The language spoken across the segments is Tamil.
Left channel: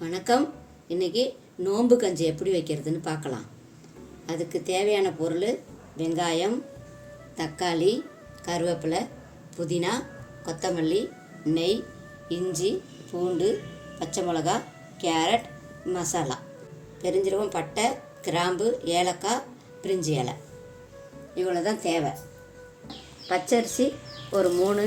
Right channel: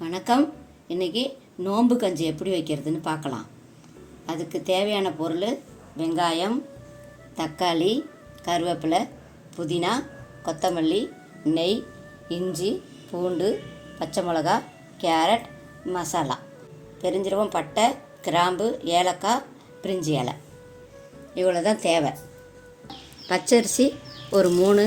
வணக்கம். இன்றைக்கி நோம்பு கஞ்சி எப்படி வைக்கிறதுன்னு பார்க்கலாம். அதுக்கு தேவையான பொருள் வெங்காயம் தக்காளி கருவேப்பிலை புதினா கொத்தமல்லி நெய் இஞ்சி பூண்டு பச்சை மிளகா கேரட் மசாலா. பெருஞ்சீரகம் பட்டை கிராம்பு ஏலக்காய் பிரிஞ்சி இலை. இவ்வளோ தான் தேவை. பச்சரிசி ஒரு மூணு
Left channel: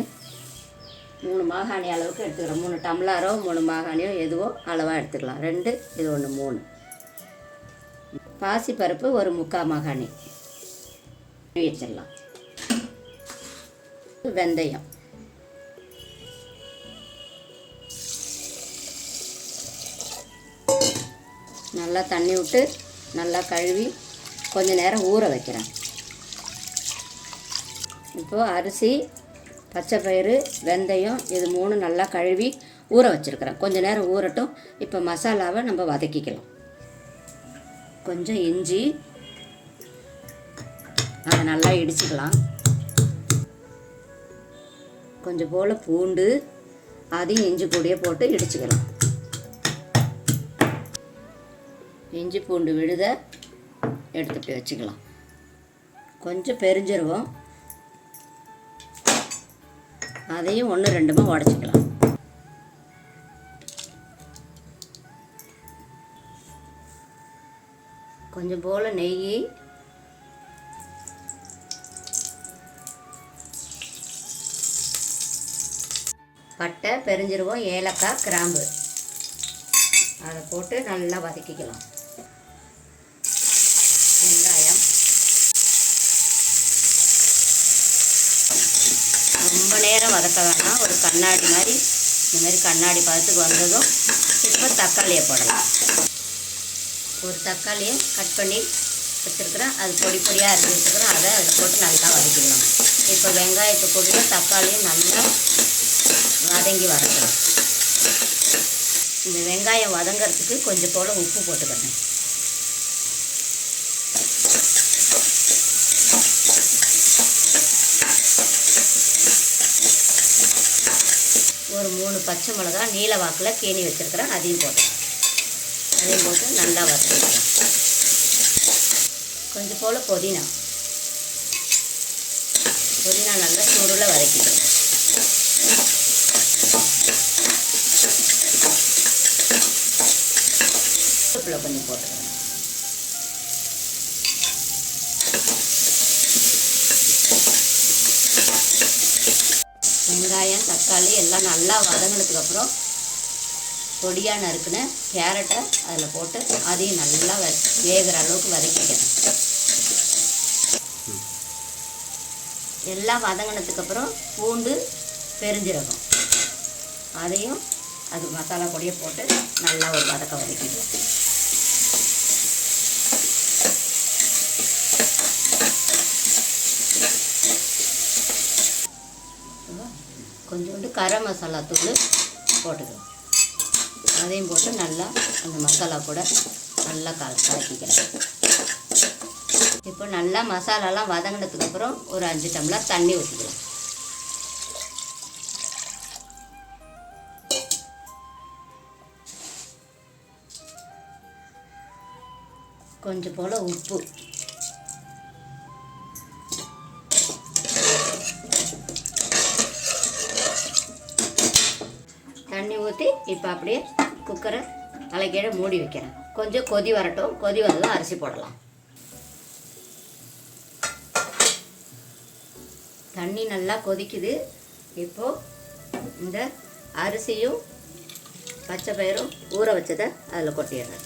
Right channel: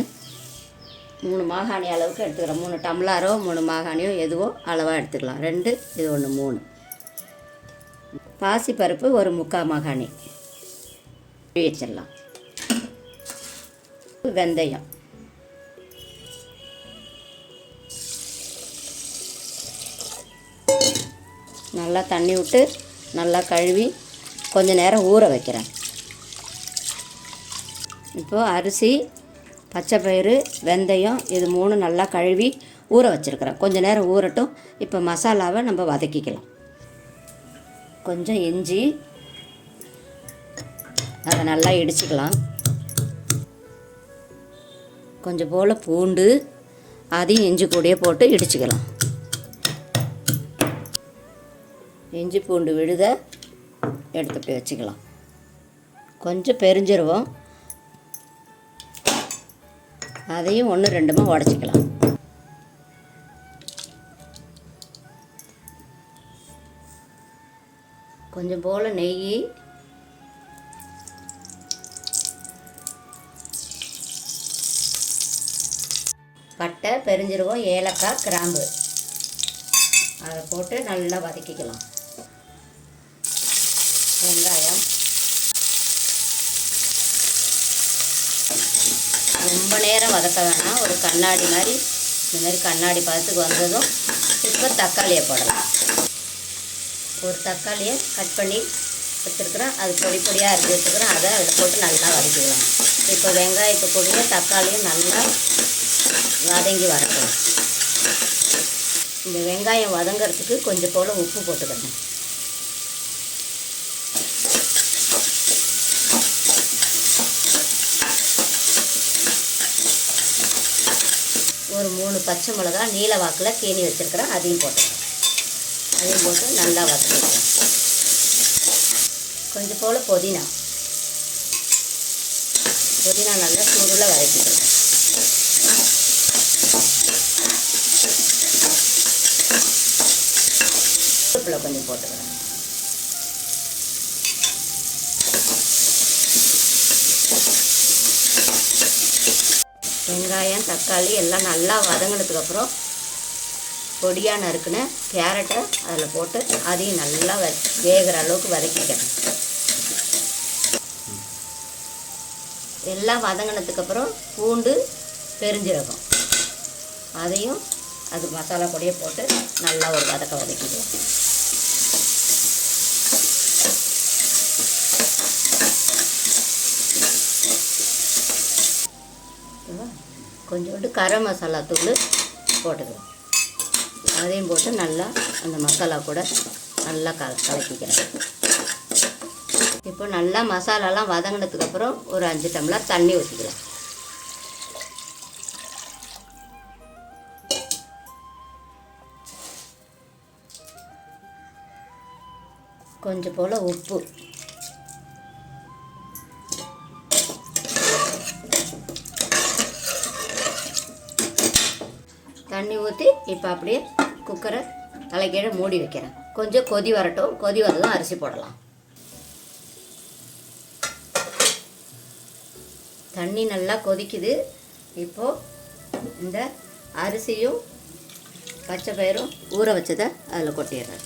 மூணு மாகாணி அளவுக்கு எடுத்துக்கிறோம். மூணு டம்ளாரோ மூணு மாகாணியோ எதுவோ அளவாக எடுத்துக்கலாம். ரெண்டு இது ஒன்று மூணு. பாசிப்பருப்பு ஒரு முக்கால் மாகாணி. வச்சிடலாம். வெந்தயம். நல்லா தண்ணி விட்டு நல்லா கழுவி கொஞ்ச நேரம் ஊற வைக்கிறேன். இப்போது அரிசி பச்சைப்பயிறு வெந்தயம் இது மூணு நல்லா கழுவி ஊற வச்சுருக்கிறேன். கொஞ்ச நேரம் ஊறட்டும். இப்போ மசாலாவை நம்ம வதக்கிக்கலாம். கொஞ்சம் இஞ்சி அதை நல்லா இடிச்சுக்கலாம். கொஞ்சம் போல் பூண்டு அதையும் இஞ்சி கூடையே போட்டு இடிச்சுக்கலாம். இஞ்சி பூண்டு விழுத எடுத்துட்டு வச்சுக்கலாம். கொஞ்சம் பெருஞ்சிருவோம் அதையும் ஒன்று ரெண்டுமா உடச்சிக்கலாம். கொஞ்சம் போல் நெய். பட்டை பெருஞ்சிருவோம் ஏலக்காய் கிராம்பு. அதை போட்டு நல்லா வதக்கிக்கலாம். வதக்க வேணாம் ஒரு கண்ணாடி மாதிரி இந்த மாதிரி கண்ணாடி பதத்துக்கு வந்ததும் இப்போ தக்காளியை போடலாம். ஒரு தக்காளியை கட் பண்ணி வச்சுருக்குறேன். அது பொடி பொடியாக அரிஞ்சு வச்சுருக்குறேன். அதை அதில் போட்டு நல்லா வதக்கிடுவோம் இப்போ வெங்காயத்தை பொடியும் தக்காளியும் நல்லா வதங்கி வரட்டும். இந்த வெங்காயம் வதங்கிறதுக்கு கொஞ்சம் போல் உப்பு போட்டுக்கணும் ஒரு மூணு பச்சை மிளகா நீல வாக்கில் கீனி வச்சுருக்கிறேன் அதையும் போட்டுக்கிறேன் அதையும் போட்டு நல்லா வதக்கிக்கலாம் கொஞ்சம் போல் புதினா. புதினா நல்லா சுருள வதக்கிக்கலாம் கொஞ்சம் போட்டுக்கிறேன் வெங்காயம் தக்காளி எல்லாம் நல்லா வதங்கினதுக்கப்புறம் பொடியாக நறுக்குன்னு கேரட்டை அதில் போட்டு அதையும் நல்லா வ வேகிற அளவுக்கு வதக்கிட்டேன் எல்லாம் வதங்கினதுக்கப்புறம் பூண்டு பெருஞ்சீரகம். அதையும் அது மசாலா பொடியை போட்டு நல்லா ஒரு வதக்க வதக்கிடுவோம் கொஞ்சோண்டு கரம் மசாலா தூள் போட்டுக்கலாம் அதையும் போட்டு நல்லா அந்த மசாலா கூட நல்லா கல கலக்கிக்கிறேன் இப்போ நல்லா மசாலாலாம் வதங்கினதுக்கப்புறம் ஒரு அஞ்சு டம்ளர் தண்ணி ஊற்றிக்கலாம் கொஞ்சம் போல் உப்பு. தண்ணி ஊற்றி இப்போ அப்படியே குக்கரை தலைக்கீழே மூடி வைக்கிறேன். கொஞ்சம் கொதி வரட்டும். கொதி வந்ததும் அரிசி போடலாம். தண்ணி நல்லா கொதிக்குது. இப்போது இந்த அரிசியும் பச்சை பயிரும் ஊற வச்சதை அதில் கொட்டிடுறேன்.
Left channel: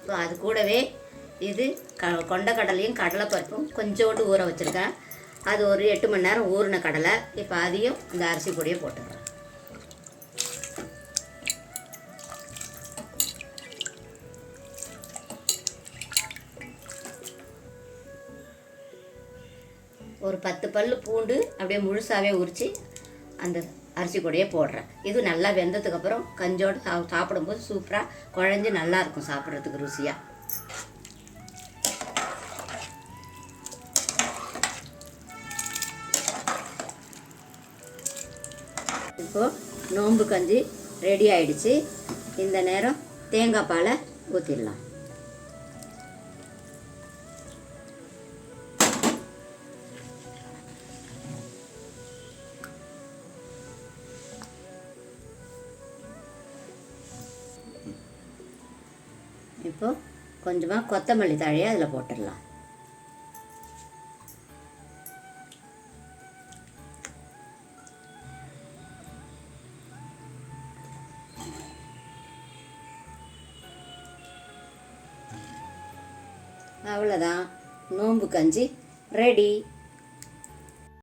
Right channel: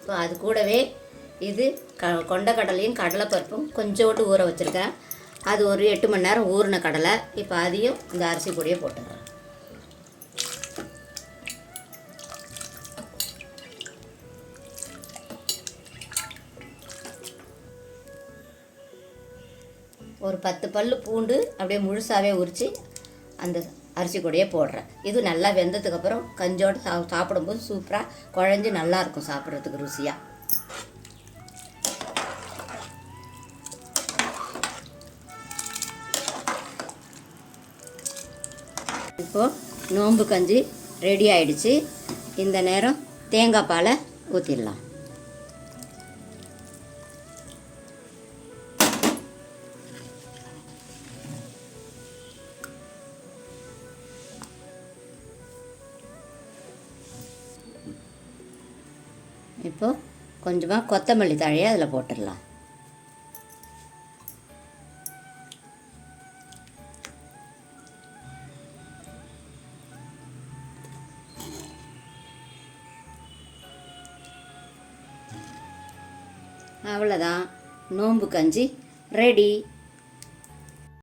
இப்போ அது கூடவே இது க கொண்டக்கடலையும் கடலைப்பருப்பும் கொஞ்சோண்டு ஊற வச்சுருக்கேன். அது ஒரு எட்டு மணி நேரம் ஊறின கடலை. இப்போ அதையும் இந்த அரிசி பொடியை போட்டுக்கிறேன். ஒரு பத்து பல் பூண்டு அப்படியே முழுசாகவே உரித்து அந்த அரிசி கூடையே போடுறேன். இது நல்லா வெந்ததுக்கப்புறம் கஞ்சோடு சா சாப்பிடும்போது சூப்பராக குழஞ்சி நல்லாயிருக்கும் சாப்பிட்றதுக்கு ருசியாக இப்போது நோன்பு கஞ்சி ரெடி ஆயிடுச்சு. இந்த நேரம் தேங்காய் பாலை ஊற்றிடலாம் இப்போது கொஞ்சமாக கொத்தமல்லி தழையை அதில் போட்டுடலாம். அவ்வளோதான் நோம்பு கஞ்சி. ரெடி